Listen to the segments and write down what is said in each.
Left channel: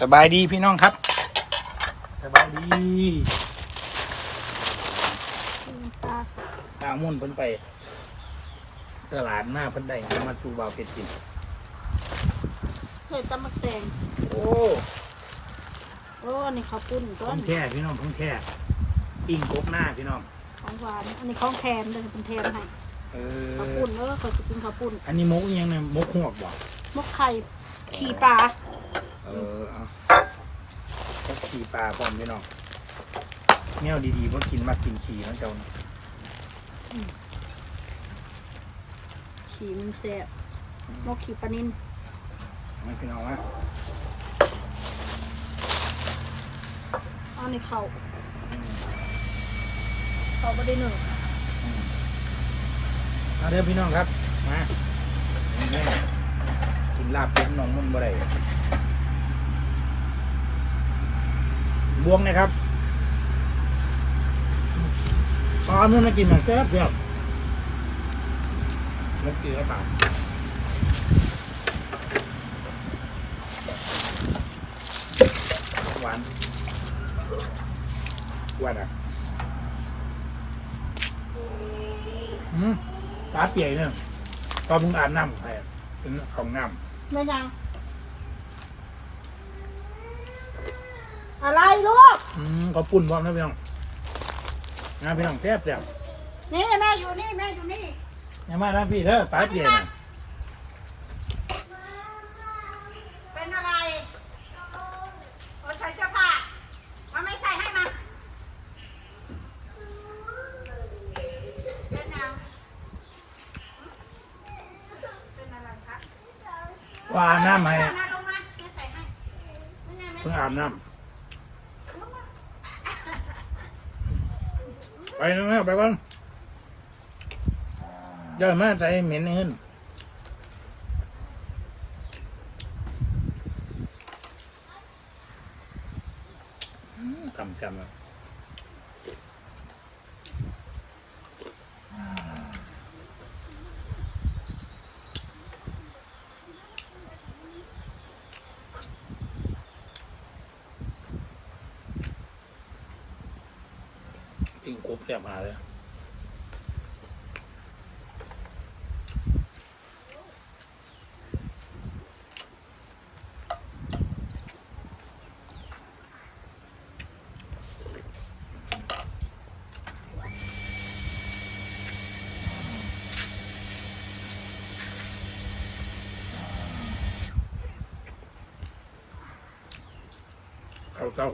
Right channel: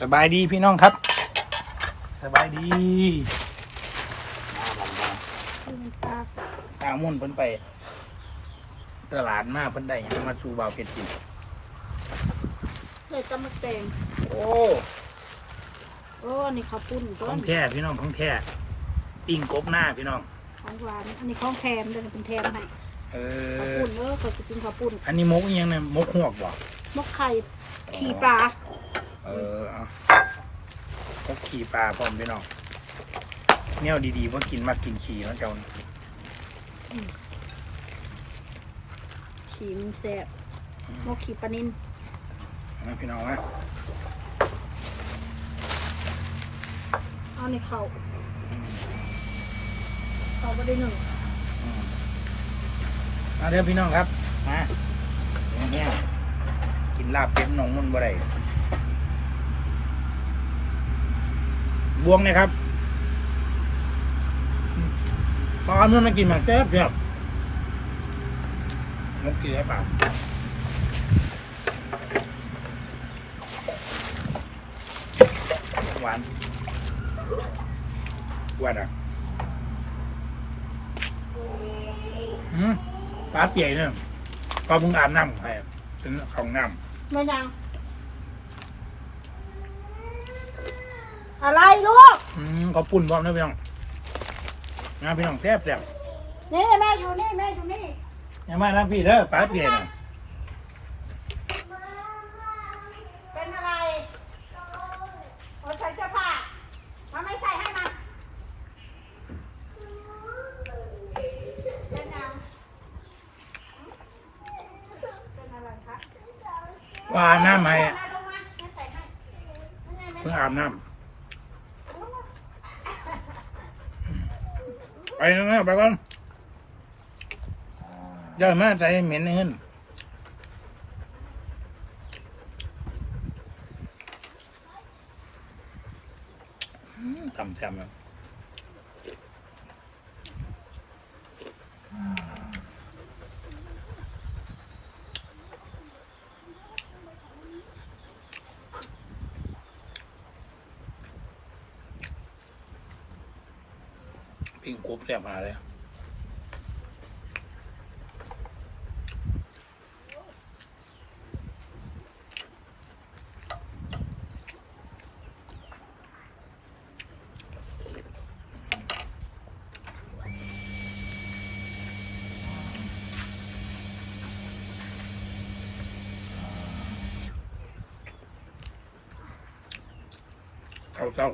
สบายดีพี่น้องครับ สบายดีน้ำปลาตามุ่นเพิ่นไป ตลาดมาเพิ่นได้หยังมาสู่บ่าวเป็ดกินเลยตำมะแตงโอ้โอ้อันนี้ข้าวปุ้นก้ขออนงแท้พี่น้องของแท้ปิ้งกบหน้าพี่น้อง ของหวาน อันนี้ของแทนเดี๋ยวจะเป็นแทนให้เอข้าวอ ปุ้นเออขอจะกินข้าวปุ้นอันนี้มกอิหยังเนี่ยมกหวกบ่มกไข่ขี่ปลา เออเอามกขี่ปลาพร้อมพี่น้องแนวดีๆว่ากินมากินขี่เนาะเจ้าเนาะขี่มันแซ่บมกขี่ปลานินนะพี่น้องนะเอาในเข่าอืมเขาไม่ได้หนึ่งอืมเอาเด้อพี่น้องครับ มาแห้งๆกินลาบเป็ดหนองมันบ่ได้ บวงนะครับปลาเมื่อมากินแบบแซ่บแซ่บนกกี่ให้ปากหวานหวานอะอืมปลาเปียกเนี่ยก็มึงอาบน้ำใครเป็นของน้ไม่ยังอะไรลูกำอืมเขาปุ่นพร้อมนะพี่น้องนะพี่น้องแซ่บแซ่บนี่แม่อยู่นี่แม่อยู่นี่อย่ามานะพี่เด้อปลาเปียกน่ะเป็นอะไรโอ้ใส่เสื้อผ้ามาไม่ใส่ให้มาเป็นยังเป็นอะไรคะว่าอาบน้ำให้มาลงมาไม่ใส่ให้ไม่ไงไม่เพิ่งอาบน้ำ ไปนะไปก่อนย่ามาใจเหม็นเงินทำแซมแล้ว ซ่บมาเลยเข้าเศร้า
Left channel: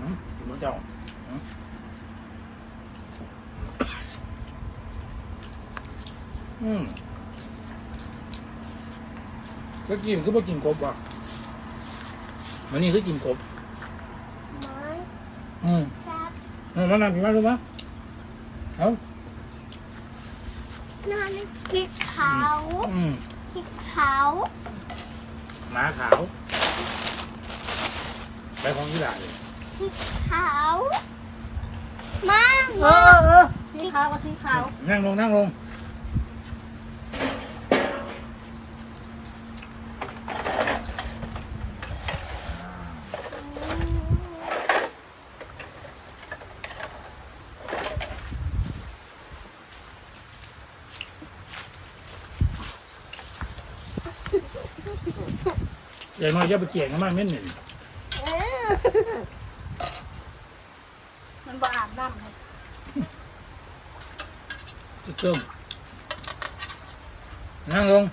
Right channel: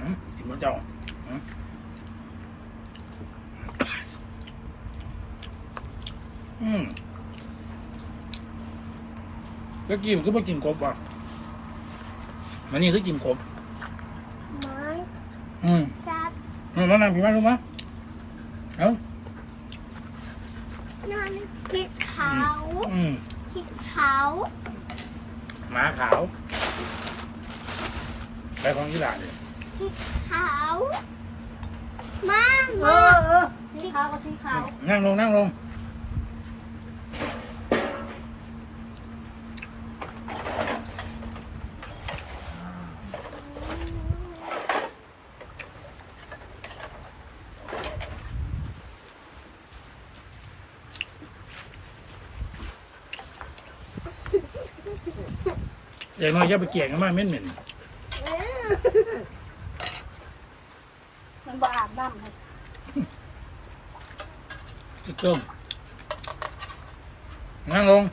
อืมกินมะเจ้าอืมอืม แล้วกินคือไม่กินกบอะมันนี่คือกินกบอืมอืมมานำพี่มารู้มั้ยเอ้านอนสีขาวอืมสีขาวหมาขาว ไปของยี่หล่าเลยสีขาวมากเอมาอกเออสีขาวกับสีขาวนั่งลงนั่งลง เดี๋ยวน้อยจะไปเกี่ยงกันมาเหม็นเหม็นมันบ่อาบน้ำให้จะต้มนั่งลง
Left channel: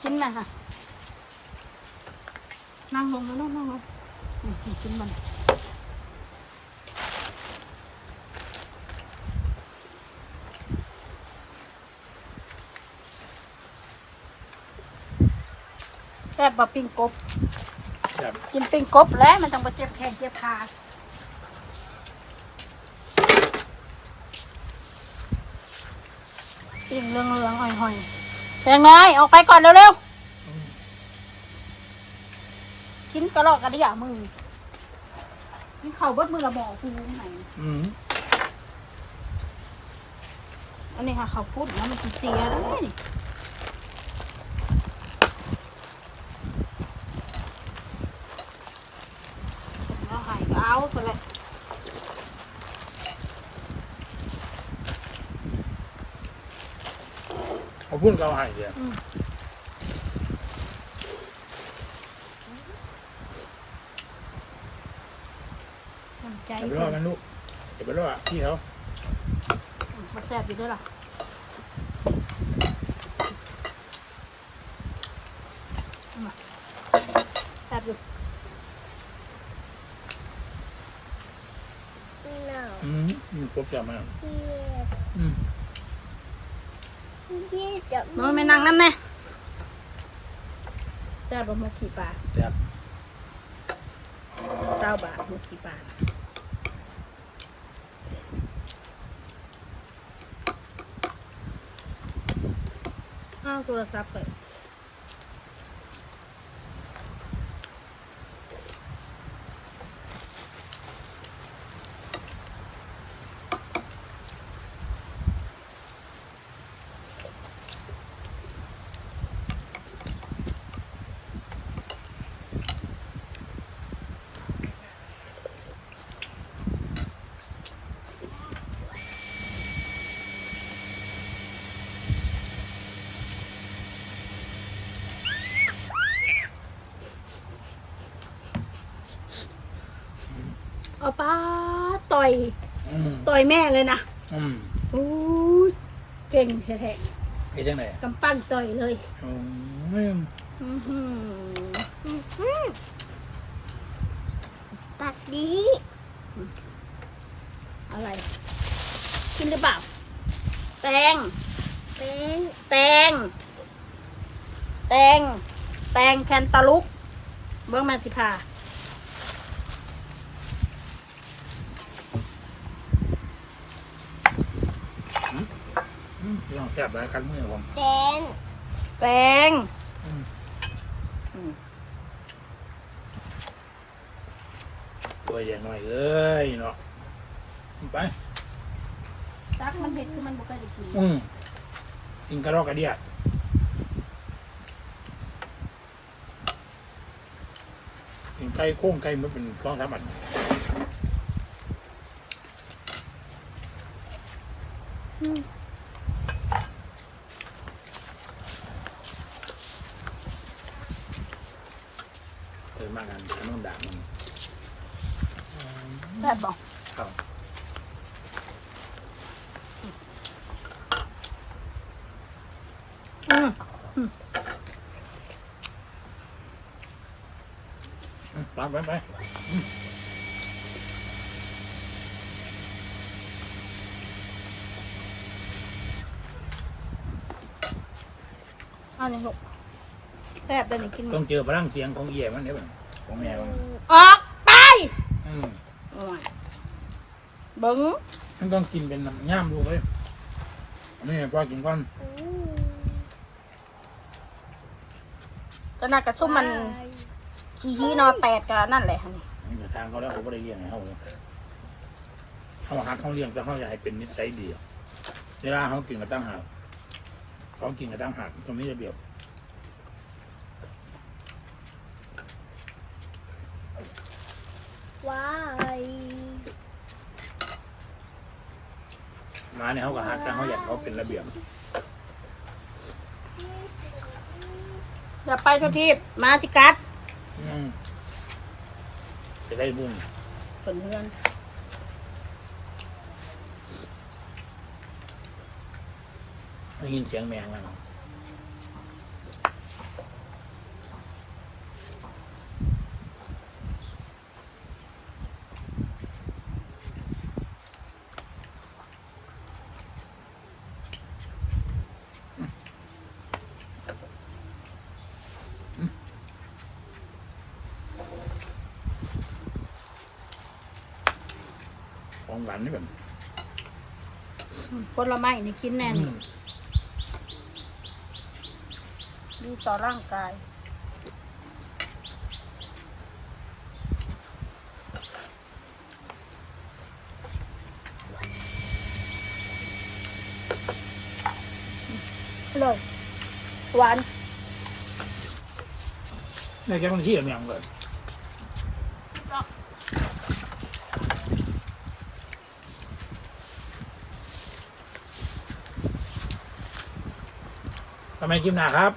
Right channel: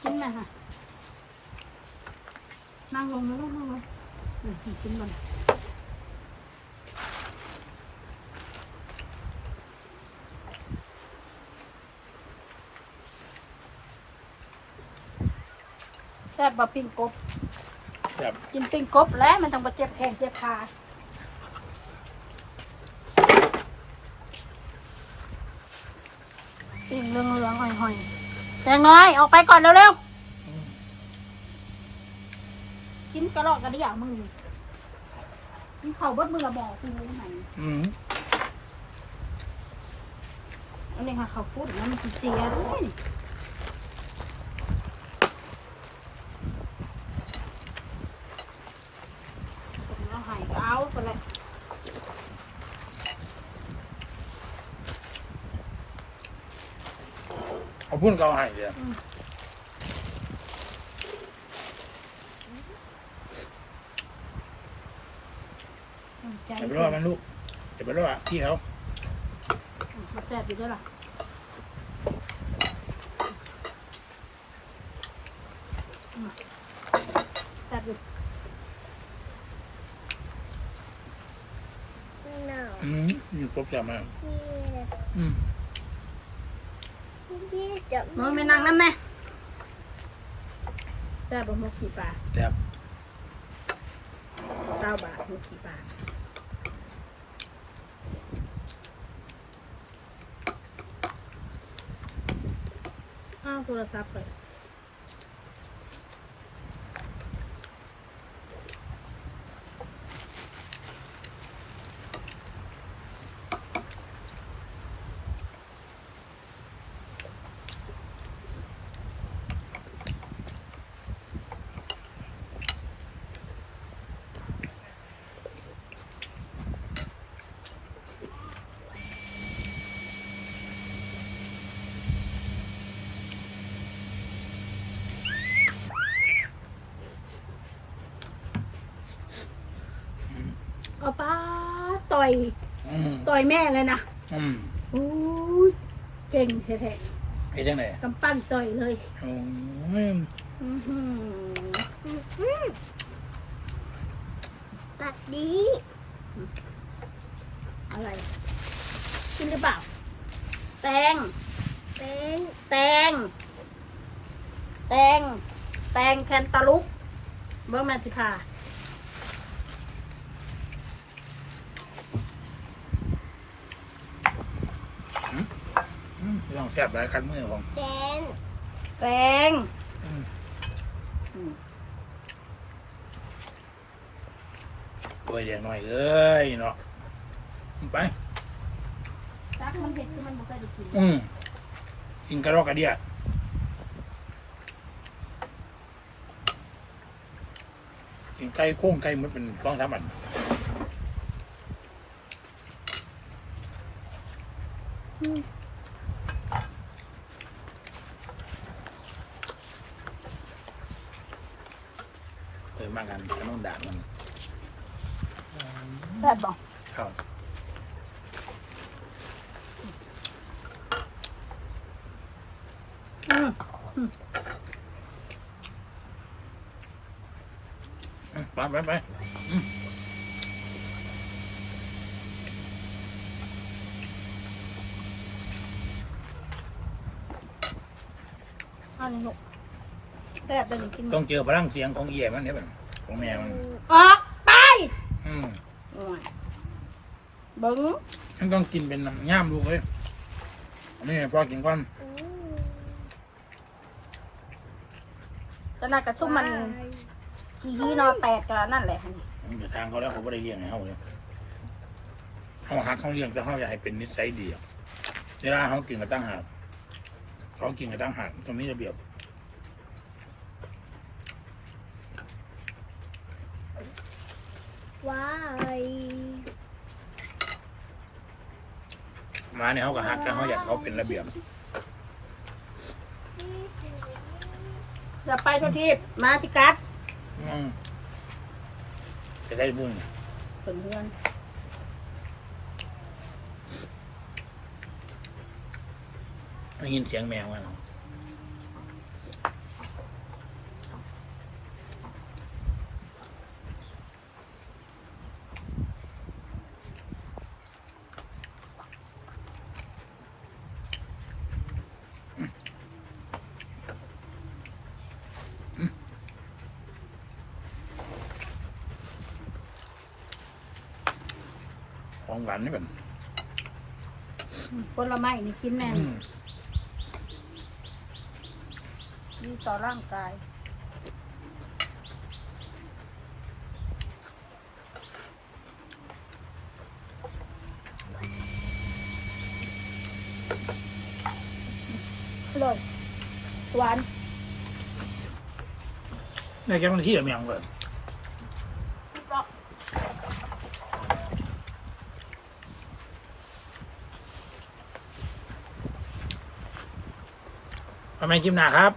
กินอะไรค่ะ ซ่บมาปิ้งกบกินปิ้งกบแล้วมันต้องมาเจ็บแขนเจ็บขาปิ้งเรืองเลืองห่อยหอยแตงน้อยออกไปก่อนเร็วๆกินกระรอกกันได้หย่งมือกินเข่าบดมือระบอกคือไหนอืมอันนี้ค่ะเขาพูดว่ามันจะเสียเลย เอาพุ่นเกาให้เดียวใจอย่าไปรอดมันลูกอย่าไปรอดพี่เขาแซ่บอยู่ด้วยหรอแซ่บอยู่หนาวอืมอยู่ครบแล้วมั้งเยียบอืมเยียบจะน้อยไม่นั่งนั่นแน่แซ่บลงมุกขี่ปลาแซ่บเศร้าบาทมุกขี่ปลาอ้าวโทรศัพท์เลย เอาป้าต่ อยอืมต่อยแม่เลยนะอืมอู้ยเก่งแท้ไปจังไหนๆกำปั้นต่อยเลยโอ้ยอื้อหืออื้อหือปัดดีอะไรกินหรือเปล่าแตงเป็นแตงแตงแตงแคนตาลุกเบิ้งแมนสิพา อืมลองแซ่บหลายคันมือผมแดงแตงอืมอืมตัวแดงหน่อยเอ้ยเนาะไป ตักมันเห็ดคือมันบ่เคยได้กินอืมกินกระรอกกระเดียกินไก่โค้งไก่มันเป็นฟองสามอันเออ มากันขนมดาบมันแบบบอกเข้าอืมอืมไปไปไปเอาเลยลูกแซ่บได้เลยกิน ต้องเจอพลังเสียงของเอี่ยมันเนี่ยมัน ของแม่มันออกไปอืมโอ้ยเบิ้งมันต้องกินเป็นน้ำย่ามดูเลยอันนี้พอกินก่อนอืมก็น่ากระซุ่มมันขี้ฮีนอแตกกันนั่นแหละมันอยู่ทางเขาแล้วเขาไม่ได้เลี้ยงให้เขาเลยเขาหักเขาเลี้ยงแต่เขาอยากให้เป็นนิสัยดีอะเวลาเขากินกับตั้งหากเขากินกับตั้งหากตรงนี้ระเบียบ ว้าย มาเนี่ยเขาก็หักแต่เขาอยากเขาเป็นระเบียบอย่าไปทุกทีมาจิกัดอืมจะได้บุญเพื่อนเพื่อนได้ยินเสียงแมวมา ของหวานนี่เป็นผลไม้นี่กินแน่นอืมดีต่อร่างกาย เลย หวาน ในแก้วที่เหลือเมียงเลย ทำไมจิ้มหนาครับ